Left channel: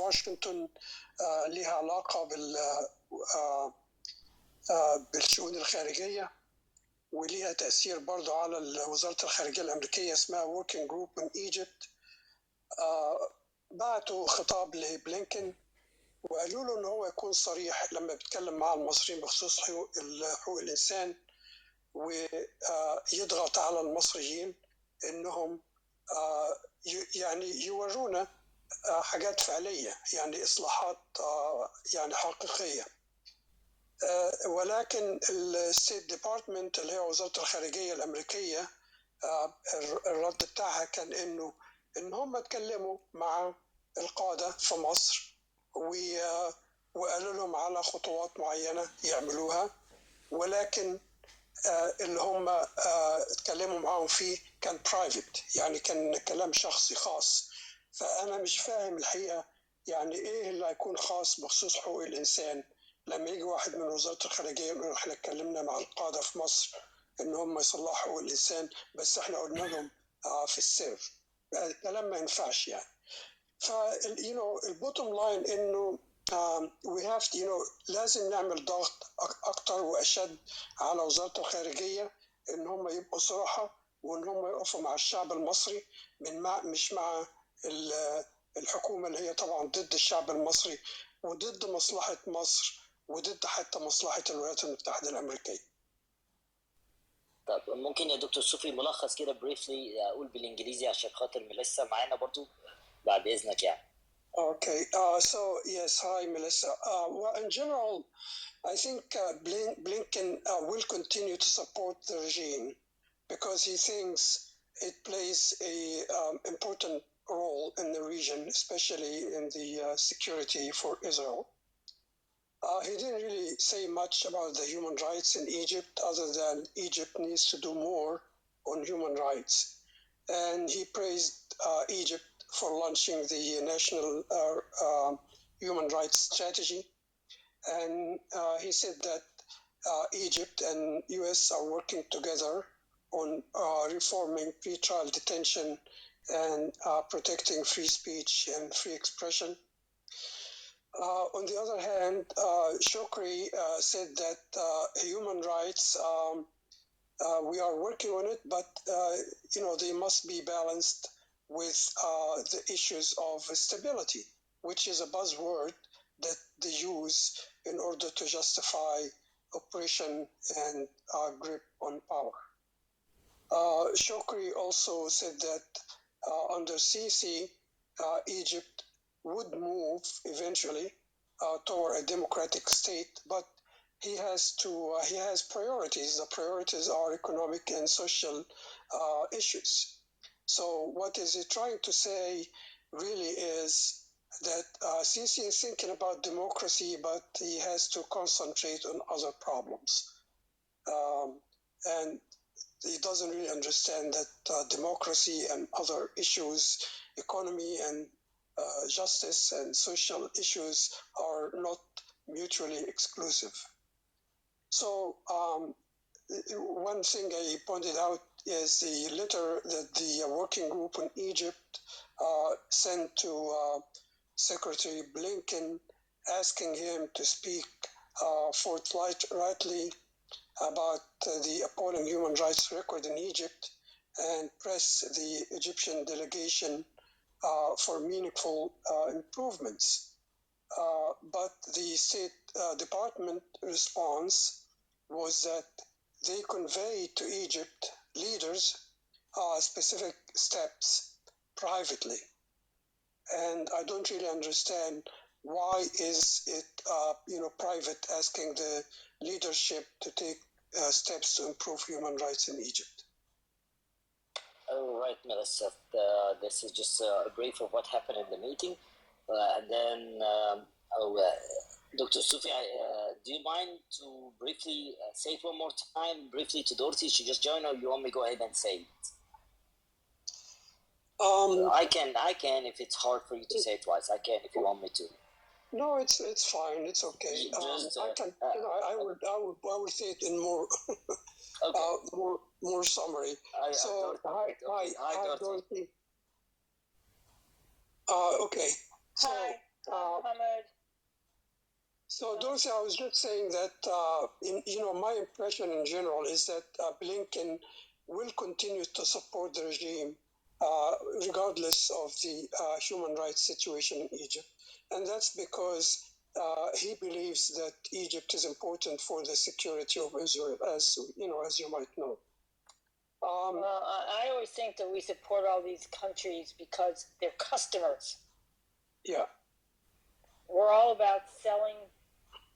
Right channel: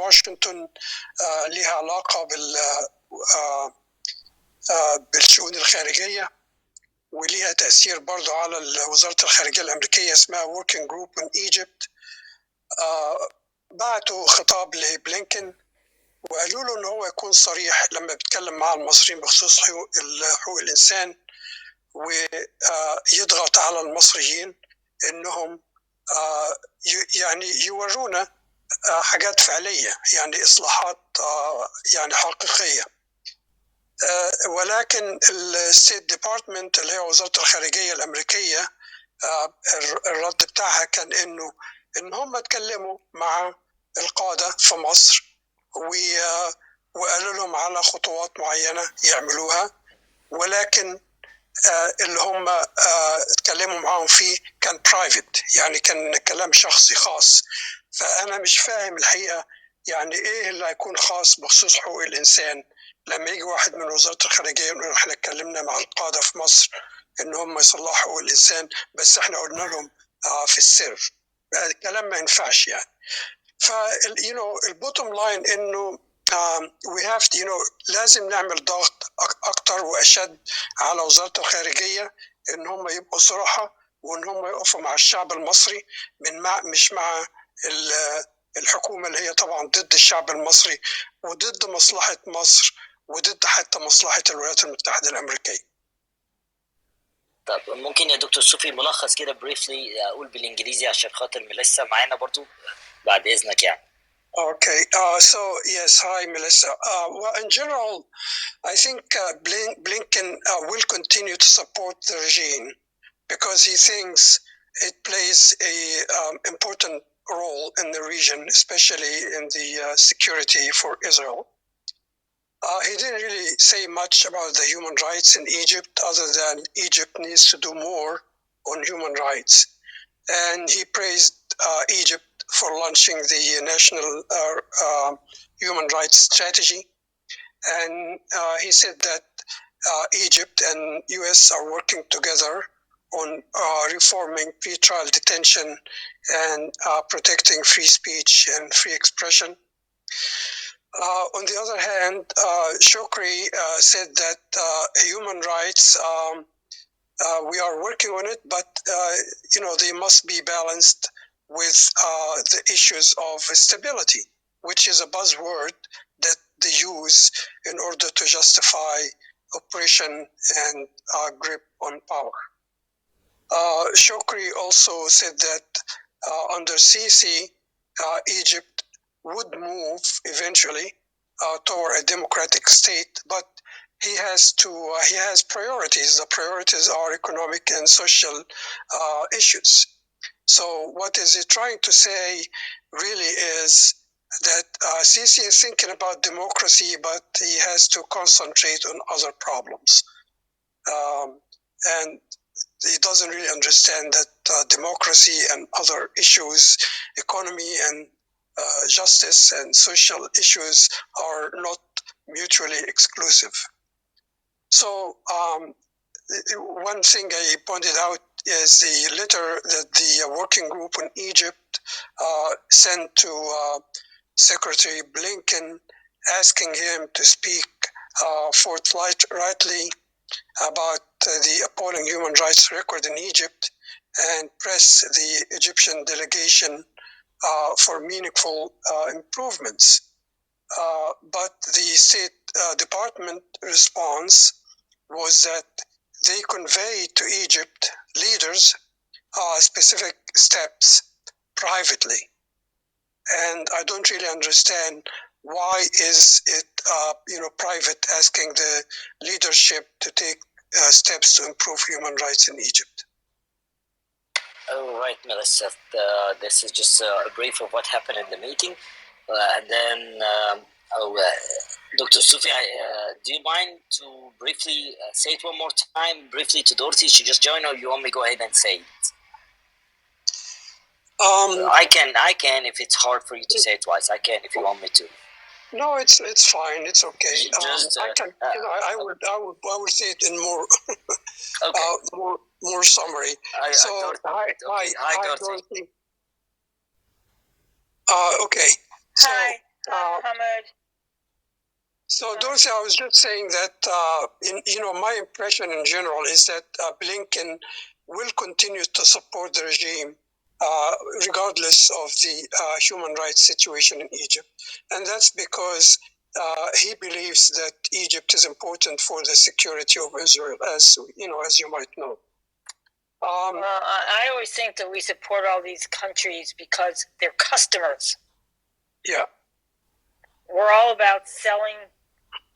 في واشنطن لها علاقة بالشؤون الخارجية، وليها تأثير برضو على وزارة الخارجية الأمريكية، اسمها Working Group in Egypt. بعتوا خطاب لبلينكن وقالوا له إن هو يكون صريح لما بيتكلم مع المصريين بخصوص حقوق الإنسان، ويضغط على المصريين إنهم يعني يورونا حاجات فعلية، يعني إصلاحات يعني حقيقية. ولكن الستيت ديبارتمنت اللي هي وزارة الخارجية الأمريكية الرد بتاعها كان إن هم اتكلموا مع القادة في مصر وقالوا لهم على خطوات معينة يعملوها، ولكن اللي هم اتكلموا معهم فيه كان برايفت، يعني كان كلام شخصي خاص. فأنا مش فاهم الحقيقة يعني إيه اللي هيكون خاص بخصوص حقوق الإنسان لما يجي واحد من وزارة الخارجية يقول إحنا اتكلمنا مع القادة في مصر إن هم يصلحوا حقوق الإنسان، بس إحنا قلنا لهم في السر. الكلام ما ينفعش يعني. البوتوم لاين إنه we have to, لازم نعمل ضغط أكتر وأشد على وزارة الخارجية إن هم يبقوا صراحة، وإن هم يقفوا مع الشعب المصري مش مع الحكومة اللي هي طبعا ضد الشعب المصري وضد مصلحة مصر وضد حتى مصلحة الولايات المتحدة الأمريكية. طب ممكن يا دكتور صوفي ملخص كده بريفلي أقول بالإنجليزي عشان خاطر ميليسا معانا برضو بعد إذنك يعني. Okay, so yes, hi Melissa. Well, in general, I think Blinken will continue to support the regime because he thinks it plays a important role in the region, especially in the security for Israel. He didn't really say much about the human rights in Egypt, other than Egypt needs to do more on human rights. And he praised Egypt for launching the National Human Rights Strategy. And he said that Egypt and US are working together on reforming pretrial detention and protecting free speech and free expression. On the other hand, Shokri said that human rights, we are working on it, but they must be balanced with the issues of stability, which is a buzzword that they use in order to justify oppression and grip on power. Shokri also said that under Sisi, Egypt would move eventually toward a democratic state, but he has priorities. The priorities are economic and social issues. So what is he trying to say really is that Sisi is thinking about democracy, but he has to concentrate on other problems. And he doesn't really understand that democracy and other issues, economy and justice and social issues are not mutually exclusive. So one thing I pointed out is the letter that the working group in Egypt sent to Secretary Blinken, asking him to speak forthrightly about the appalling human rights record in Egypt and press the Egyptian delegation for meaningful improvements. But the State Department response was that they conveyed to Egypt leaders specific steps privately. And I don't really understand why is it private, asking the leadership to take steps to improve human rights in Egypt. All right, Melissa. This is just a brief of what happened in the meeting. And then, Dr. Sufi, do you mind to briefly say it one more time, briefly to Dorothy? She just joined, or you want me to go ahead and say it? I can. If it's hard for you to say it twice, I can. If you want me to. No, it's fine. It's okay. I can. I would say it in more okay. more summary. Hi, Dorothy. Okay. So, hi. Mohammed. So, Dorothy, I was just saying that, my impression in general is that Blinken will continue to support the regime regardless of the human rights situation in Egypt. And that's because he believes that Egypt is important for the security of Israel, as you might know. I always think that we support all these countries because they're customers. Yeah. We're all about selling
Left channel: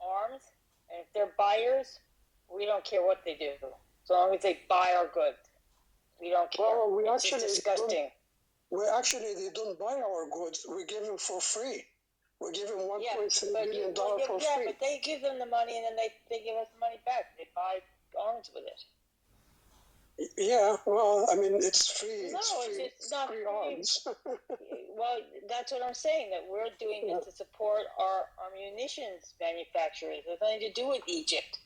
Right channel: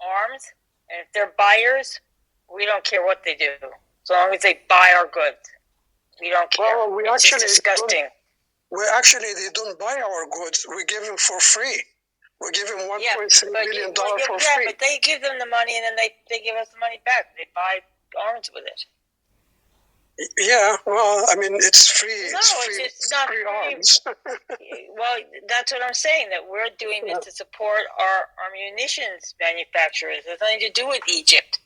arms, and if they're buyers, we don't care what they do. As long as they buy our goods, we don't care. Well, it's just disgusting. They don't buy our goods. We give them for free. We give them $1.3 billion for free. Yeah, but they give them the money, and then they give us the money back. They buy arms with it. Yeah, well, I mean, it's free. No, it's not free free. arms. Well, that's what I'm saying, that we're doing this to support our munitions manufacturers. It has nothing to do with Egypt.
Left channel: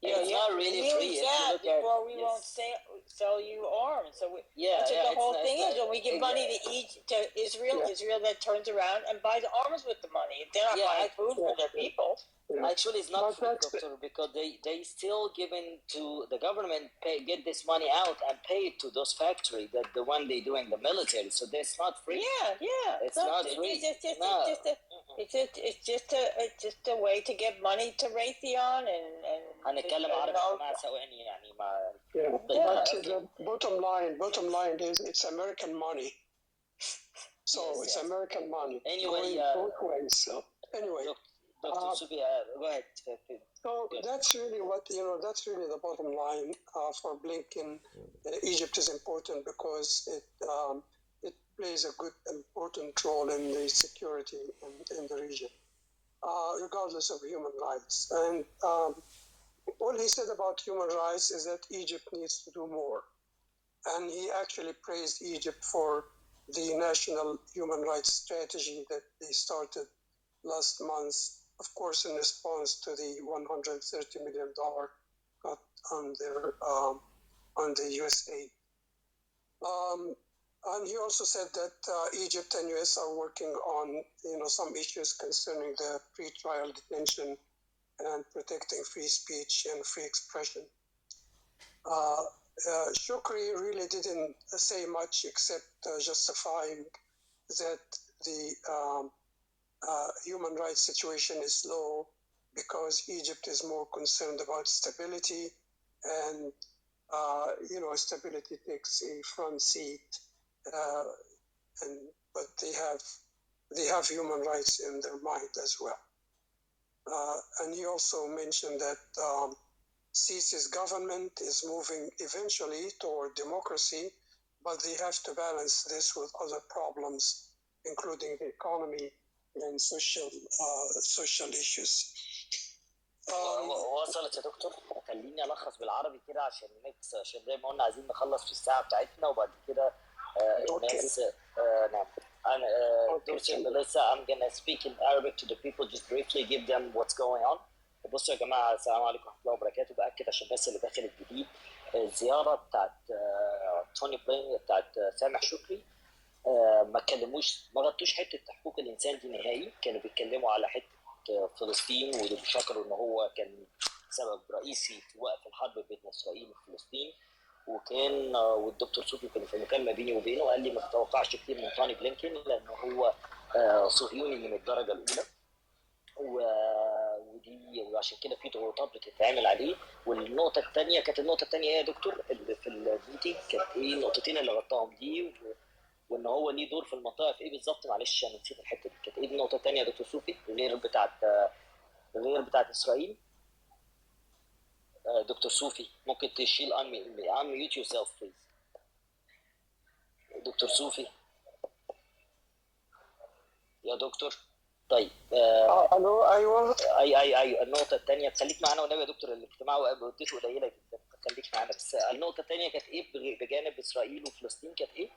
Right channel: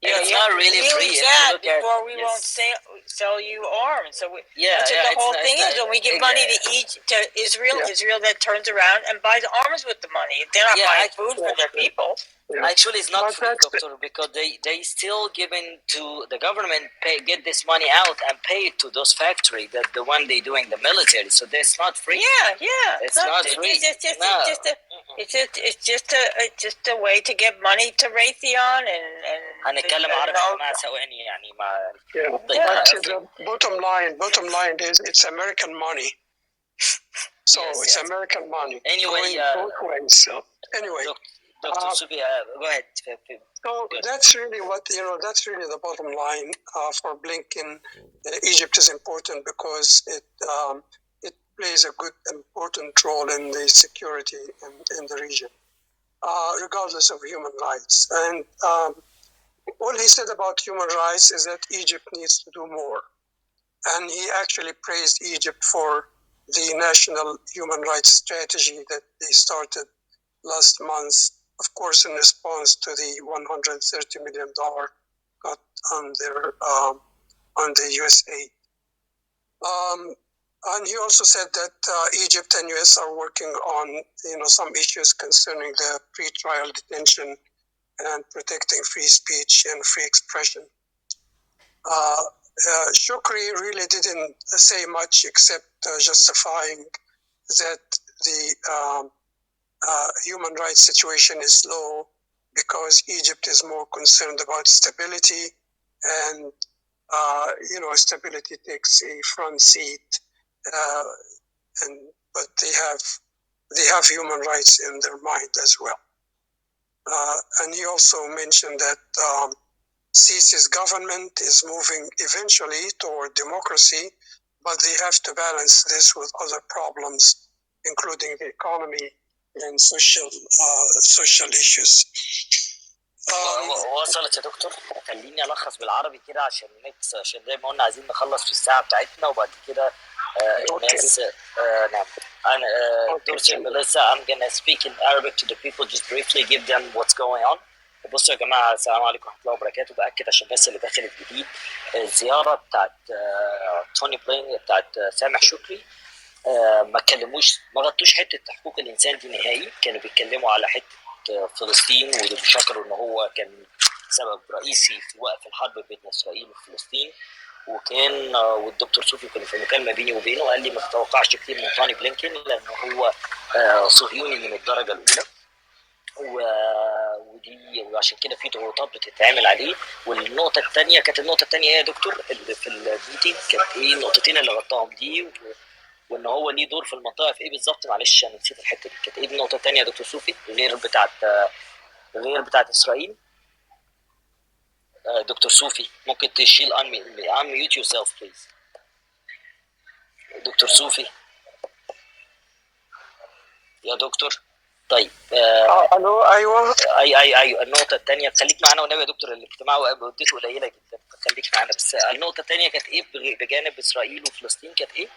It's not really free. Before we won't sell you arms. So that's what the whole thing is. When we give money to Israel, Israel then turns around and buys arms with the money. They're not buying food for their people. Yeah. Actually, it's not free, doctor, because they still giving to the government, get this money out and pay it to those factories, the one they doing the military. So that's not free. Yeah. It's not free. It's just a way to get money to Raytheon and هنتكلم عربي مع ثواني يعني مع the bottom line is it's American money. So it's American money. Anyway, both ways. So anyway, Dr. Subi, go ahead. So that's really that's really the bottom line for Blinken. Egypt is important because it plays a good, important role in the security in the region, regardless of human rights. And all he said about human rights is that Egypt needs to do more. And he actually praised Egypt for the national human rights strategy that they started last month, of course, in response to the $130 million cut on the US aid. And he also said that Egypt and US are working on some issues concerning the pre-trial detention and protecting free speech and free expression. Shukri really didn't say much except justifying that the human rights situation is low because Egypt is more concerned about stability, and stability takes a front seat. But they have human rights in their mind as well. And he also mentioned that Sisi's government is moving eventually toward democracy, but they have to balance this with other problems, including the economy and social issues. وصلت يا دكتور. خليني ألخص بالعربي كده عشان زي ما قلنا عايزين نخلص في الساعة بتاعتنا وبعد كده الناس نعم. دكتور Melissa, I'm gonna speak in Arabic to the people, just briefly give them what's going on. بصوا يا جماعة، السلام عليكم ورحمة الله وبركاته. بأكد عشان الناس اللي دخلت جديد، الزيارة بتاعت توني بلين بتاعت سامح شكري ما غطوش حتة حقوق الإنسان دي نهائي. كانوا بيتكلموا على حتة فلسطين، وبيشكروا إن هو كان سبب رئيسي في وقف الحرب بين إسرائيل وفلسطين. وكان والدكتور صوفي كان في مكالمة بيني وبينه قال لي ما تتوقعش كتير من توني بلينكن لأنه هو صهيوني من الدرجة الأولى، وعشان كده في ضغوطات بتتعمل عليه. والنقطة الثانية يا دكتور اللي في الميتنج كانت إيه النقطتين اللي غطاهم دي، وإن هو ليه دور في المنطقة في إيه بالظبط؟ معلش أنا نسيت الحتة دي. كانت إيه النقطة الثانية يا دكتور صوفي غير بتاعت إسرائيل؟ دكتور صوفي ممكن تشيل unmute yourself please. دكتور صوفي يا دكتور. طيب الو ايوه ايوه النقطه الثانيه خليك معانا والنبي يا دكتور، الاجتماع مدته قليله جدا خليك معانا. بس النقطه الثانيه كانت ايه بجانب اسرائيل وفلسطين؟ كانت ايه؟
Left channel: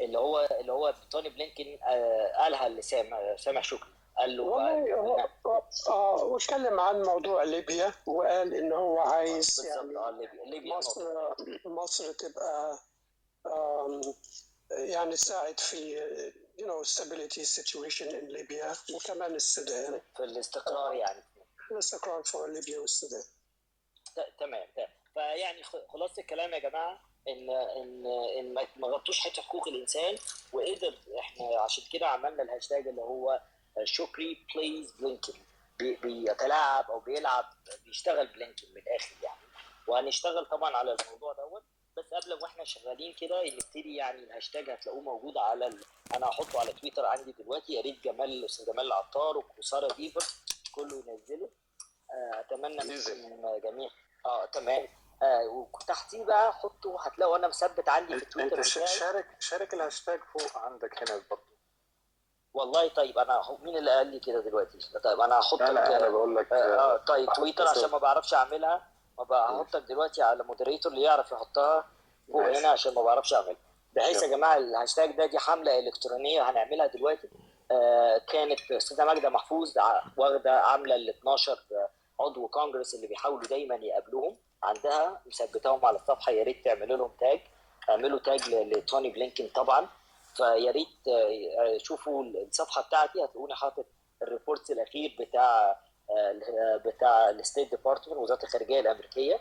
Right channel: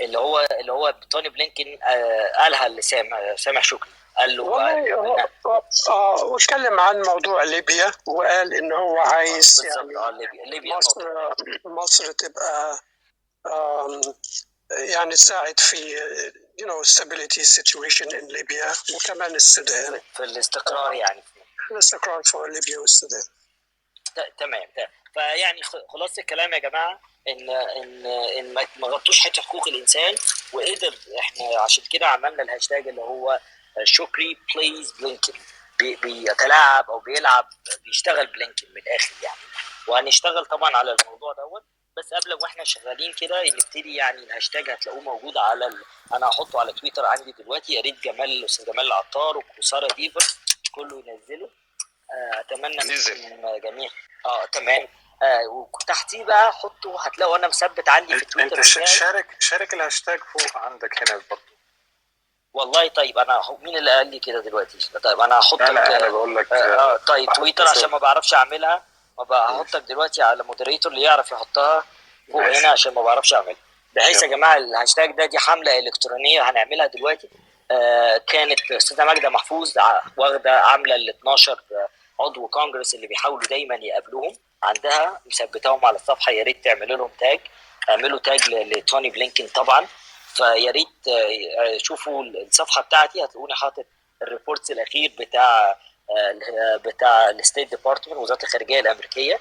اللي هو توني بلينكن قالها لسامح شكري، قال له واتكلم عن موضوع ليبيا وقال ان هو عايز ليبيا مصر تبقى يعني تساعد في stability situation in Libya وكمان السودان في الاستقرار يعني الاستقرار في ليبيا والسودان. تمام. فيعني خلاص الكلام يا جماعه ان ما غطوش حته حقوق الانسان، وقدر احنا عشان كده عملنا الهاشتاج اللي هو شكري بليز بلينكن، بيتلاعب او بيلعب بيشتغل بلينكن من الاخر يعني. وهنشتغل طبعا على الموضوع دوت، بس قبل واحنا شغالين كده نبتدي يعني الهاشتاج هتلاقوه موجود على انا هحطه على تويتر عندي دلوقتي، يا ريت الاستاذ جمال العطار وساره ديفر كله ينزله. اتمنى منكم جميع تمام. وتحتيه بقى حطوا هتلاقوا انا مثبت عندي في تويتر. انت شارك الهاشتاج فوق عندك هنا برضه. والله طيب انا مين اللي قال لي كده دلوقتي؟ طيب انا هحطك. انا بقول لك طيب تويتر عشان ما بعرفش اعملها، هحطك دلوقتي على مودريتور اللي يعرف يحطها فوق هنا عشان ما بعرفش اعملها. بحيث يا جماعه الهاشتاج دي حمله الكترونيه هنعملها دلوقتي. كانت استاذه ماجده محفوظ واخده عامله ال 12 عضو كونجرس اللي بيحاولوا دايما يقابلوهم عندها، مثبتاهم على الصفحه، يا ريت تعملوا لهم تاج، اعملوا تاج لتوني بلينكن طبعا. فيا ريت شوفوا الصفحه بتاعتي هتلاقوني حاطط الريبورتس الاخير بتاع الستيت ديبارتمنت وزاره الخارجيه الامريكيه،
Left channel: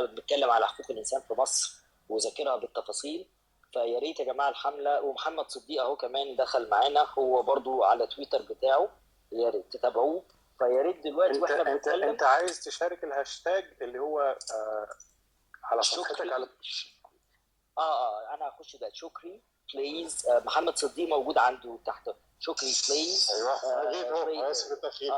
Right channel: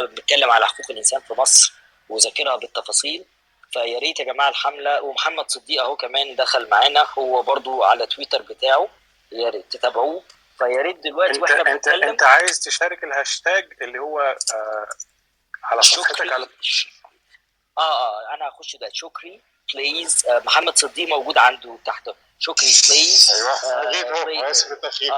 بنتكلم على حقوق الانسان في مصر وذاكرها بالتفاصيل. فيا ريت يا جماعه الحمله. ومحمد صديق اهو كمان دخل معانا، هو برضو على تويتر بتاعه، يا ريت تتابعوه. فيا ريت دلوقتي واحنا بنتكلم انت عايز تشارك الهاشتاج اللي هو على صفحتك على انا هخش ده شكري بليز. محمد صديق موجود عنده تحت شكري بليز. ايوه اسف التاخير.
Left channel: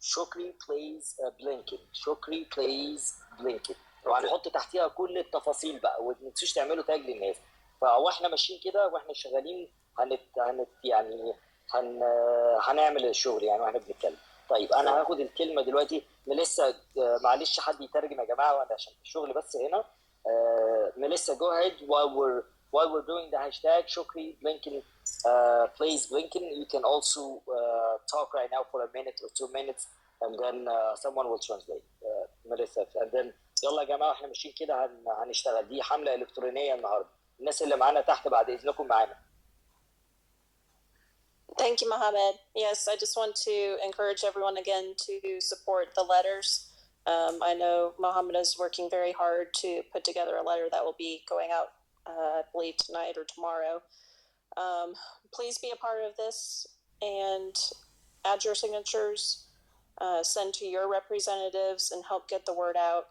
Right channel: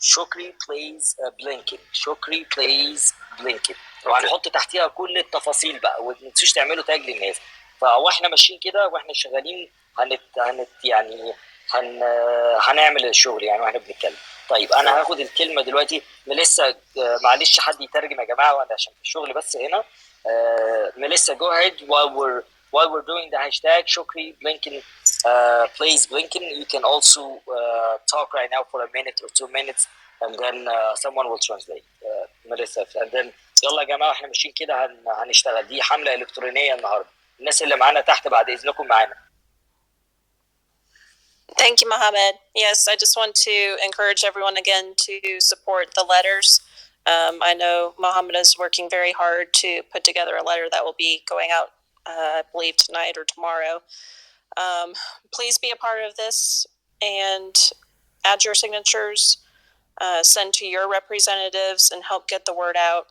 شكري بليز بلينكن، شكري بليز بلينكن. وهنحط تحتيها كل التفاصيل بقى، وما تنسوش تعملوا تاج للناس. فاحنا ماشيين كده واحنا شغالين يعني هنعمل الشغل يعني واحنا بنتكلم. طيب انا هاخد الكلمه دلوقتي ميليسا. معلش حد يترجم يا جماعه وانا عشان في الشغل بس هنا. Melissa, go ahead while we're doing the hashtag Shukri Blinken, please Blinken. You can also talk right now for a minute or 2 minutes, and then someone will translate. Melissa, and then يلا يا جماعه احنا ماشيين كده هنشتغل. دي حمله الكترونيه النهارده. الناس اللي معانا تحت بعد اذنكم معانا. Thank you, Mohammed. Yes, I just want to encourage everyone again to support the letters. I know Mohammed is working very hard to put together a letter that will be going out, I believe, tonight or tomorrow. Please be a part of this and add your signatures, send to your representatives, and help get the word out.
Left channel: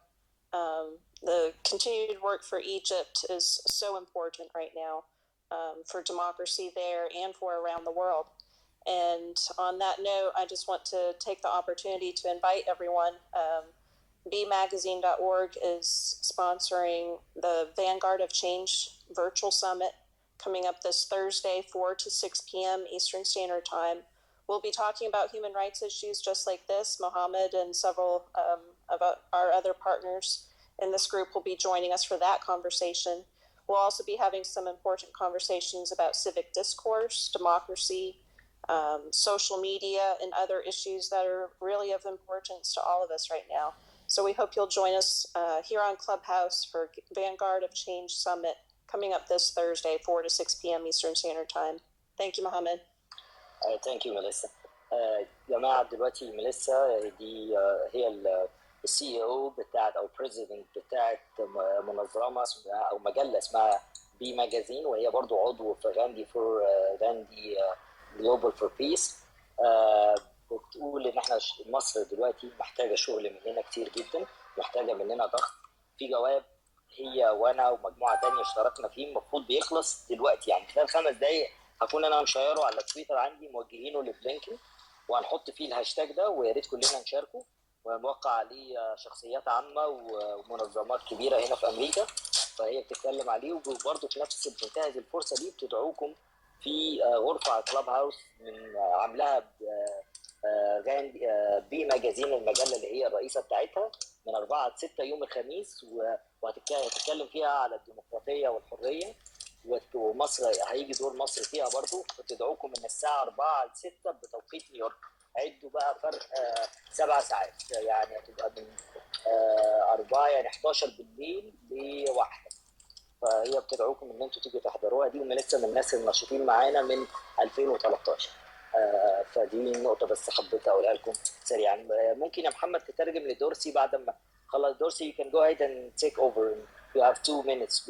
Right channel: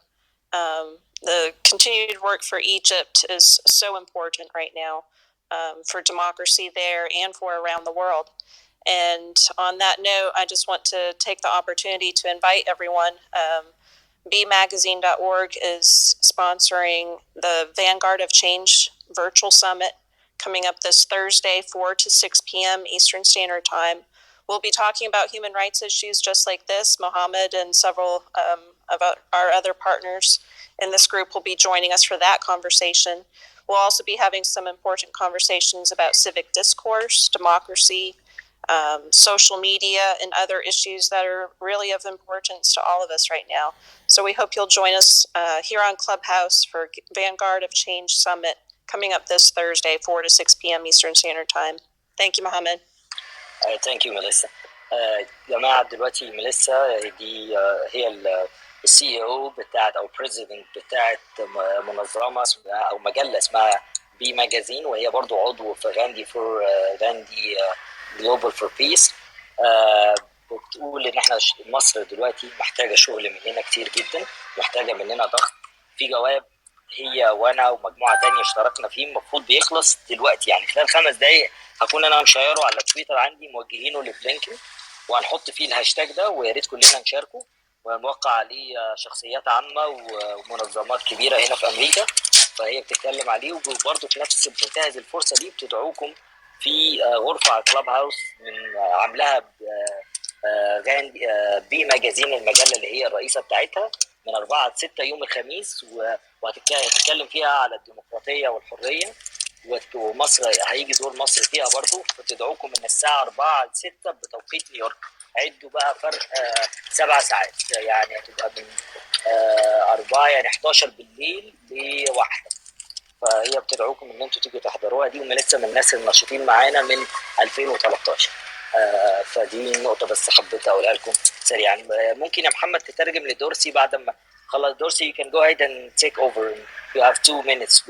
The continued work for Egypt is so important right now, for democracy there and for around the world. And on that note, I just want to take the opportunity to invite everyone. BMagazine.org is sponsoring the Vanguard of Change Virtual Summit coming up this Thursday, 4 to 6 p.m. Eastern Standard Time. We'll be talking about human rights issues just like this. Mohammed and several of our other partners in this group will be joining us for that conversation. We'll also be having some important conversations about civic discourse, democracy, social media, and other issues that are really of importance to all of us right now. So we hope you'll join us here on Clubhouse for Vanguard of Change Summit coming up this Thursday, 4 to 6 p.m. Eastern Standard Time. Thank you, Mohammed. Thank you, Melissa. جماعة دلوقتي ميليسا دي هي السي او بتاعت او بريزيدنت بتاعت منظمة او مجلة اسمها بي ماجازين، وهي برضو عضو في غاندي جلوبال فور بيس. بتقول ان احنا مصر دلوقتي محتاجه شغل مننا كتير جدا، محتاجه مننا ضغط في جواب. هي وانا ومجموعه تانية اشتركنا فيه، المفروض بيخلص دلوقتي يعني خلال 5 دقائق هكون انا مشيره على تويتر عندي موجهينه لبلينكن، وهنحط فيه الهاشتاج ده، ويا ريت كلنا نشاركه ونوقع عليه شخصيات عامه ومنظمات كبيره هنا في امريكا. فهي بتتكلم عليه، وبرضه في نفس بتنتهز الفرصه دي بتدعوكم في غرفه على كلاب هاوس من عاملاها بي ماجازين، المجله اللي هي الرئيسه بتاعتها، من 4 ل 6 يوم الخميس، وهتتكلم فيها على الديمقراطيه والحريه، ومصر هيجي دور مصر فيها برضو. فتدعوكم من الساعه 4 ل 6 بتوقيت نيويورك. عدوا بقى فرق 7 ساعات، يعني هتبقى من 4 يعني 11 بالليل ل1. فهي بتدعوكم ان انتوا تيجوا تحضروها دي، وهم لسه من الناس الناشطين معانا من 2013. فدي نقطه بس حبيت اقولها لكم سريعا. ممكن يا محمد تترجم لدورسي بعد ما خلاص. دورسي you can go ahead and take over. You have 2 minutes.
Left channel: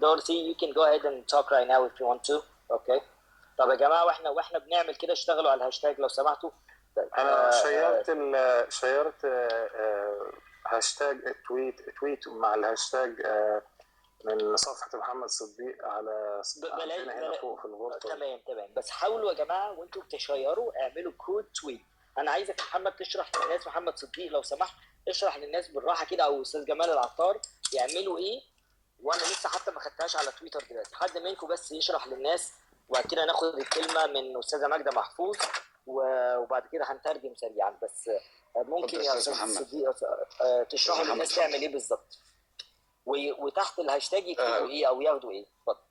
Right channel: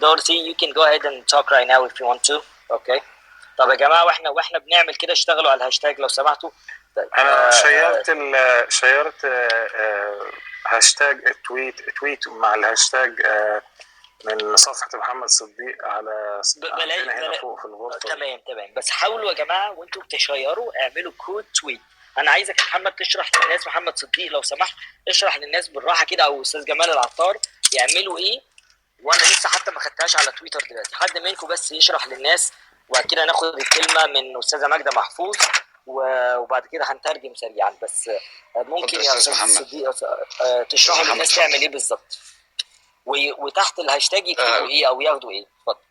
Dorothy, you can go ahead and talk right now if you want to. Okay. طب يا جماعه واحنا بنعمل كده اشتغلوا على الهاشتاج لو سمحتوا. انا شيرت هاشتاج تويت مع الهاشتاج من صفحه محمد صديق على هنا فوق في الغرفه. تمام بس حاولوا يا جماعه وانتوا بتشيروا اعملوا كود تويت. انا عايزك يا محمد تشرح للناس، محمد صديق لو سمحت اشرح للناس بالراحه كده، او استاذ جمال العطار يعملوا ايه. وانا لسه حتى ما خدتهاش على تويتر دلوقتي. حد منكم بس يشرح للناس، وبعد كده ناخد الكلمه من استاذه ماجده محفوظ، وبعد كده هنترجم سريعا. بس ممكن يا استاذ صديق تشرح للناس تعمل ايه بالظبط، وتحت الهاشتاج يكتبوا ايه او ياخدوا ايه. اتفضل.